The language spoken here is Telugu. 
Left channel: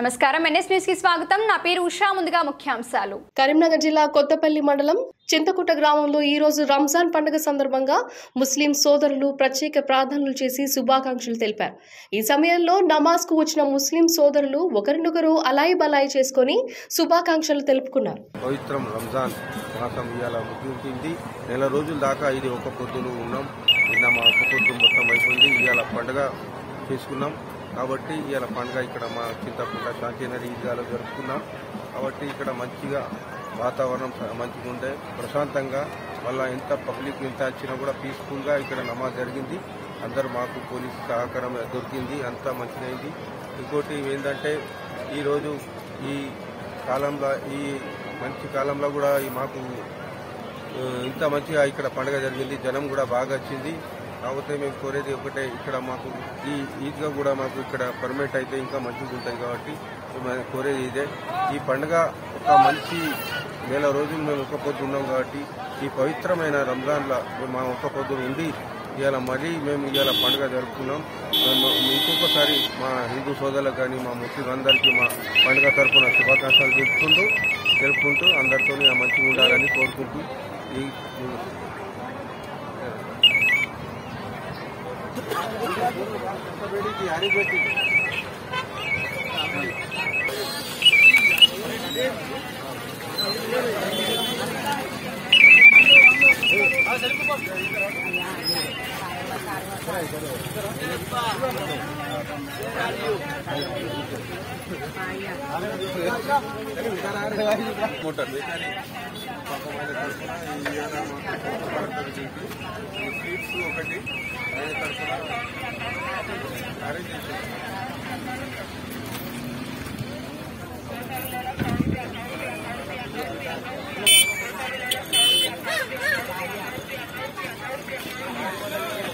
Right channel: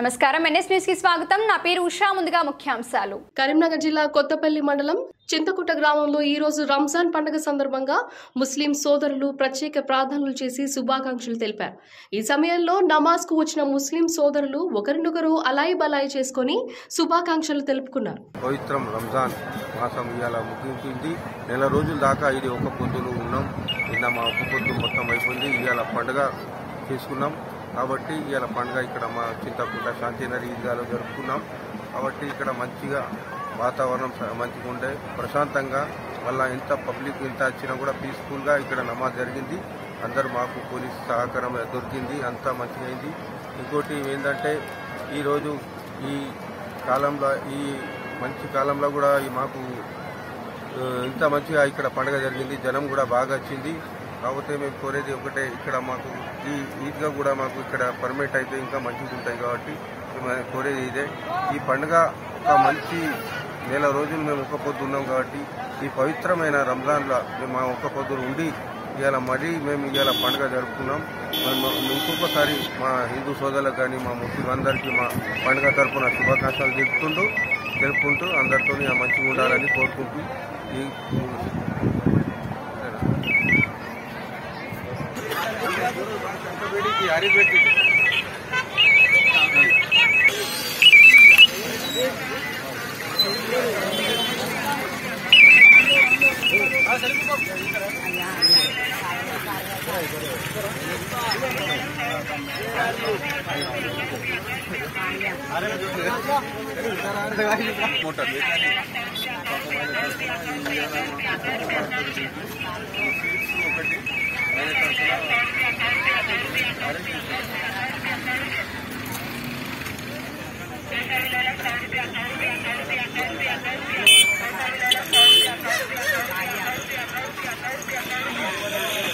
నమస్కారం ఎన్ఎస్ న్యూస్ కి స్వాగతం నా పేరు ఉషా ముందుగా ముఖ్యాంశాలు కరీంనగర్ జిల్లా కొత్తపల్లి మండలం చింతకుంట గ్రామంలో ఈ రోజు రంజాన్ పండుగ సందర్భంగా ముస్లిం సోదరులు ప్రత్యేక ప్రార్థనలు చేసి శుభాకాంక్షలు తెలిపారు। ఈ సమయంలో నమాజ్ కు వచ్చిన ముస్లిం సోదరులు ఒకరినొకరు అలాయి బలాయి చేసుకొని శుభాకాంక్షలు తెలుపుకున్నారు। పవిత్రం రంజాన్ మాసం ఇవాళ ముగించింది। నెల రోజుల దాకా ఇది ఒక పొద్దులు ఉన్నాం। నిన్న మా ఒక పొద్దు మొత్తం అయిపోయింది। ఇవాళ పండుగ చేసుకున్నాం కాబట్టి ఇవాళ పండుగ ఇక్కడ మా చింతకుంట శాంతినగర్ ఈద్గాలో జరుపుకున్నాం కాబట్టి ఇక్కడ మంచిగా వాతావరణం మంచిగా ఉండే ప్రశాంతంగా మళ్ళీ ఎంత పబ్లిక్ ఎంత వచ్చినా కూడా పీస్ఫుల్గా ఇక్కడ నమాజ్ జరిగింది। అందరూ మాకు పోలీస్ సహకారం దొరికింది, అంతా మంచిగా అయింది। ఇంకోటి ఏంటంటే ఈరోజు ఈ కాలంలో ఈ మంచి కాలంలో కూడా మాకు ఇంత మంచిగా ఇక్కడ పండుగ జరిగింది, జనం కూడా బాగా వచ్చింది। కాకపోతే మేము కోరేది ఒకటే, ఇక్కడ మాకు ఈ ఈద్గా కూడా మాకు ఇక్కడ పర్మిట్ అయితే ఇంకా మంచిగా ఉంటుంది కాబట్టి మేము కోరేది ఇదే। ఈ పండుగ ఒక మంచి నెల రోజులు మేము ఒక్క పొద్దు ఉన్నాం కాబట్టి ఈ పవిత్రమైన రంజాన్లో మేము మా ఒక్క పొద్దులు ఉండి ఇవాళ మరీ మేము ఇవాళ పండుగ జరుపుకున్నాం। ఇంకొకసారి మా హిందూ సోదరులకు కానీ మా ముస్లిం అందరికీ మా పండుగ తరఫున శుభాకాంక్షలు తెలుపుకుంటూ అందరితో మంచిగా ఉండాలని కోరుకుంటూ ఈ ఒకటి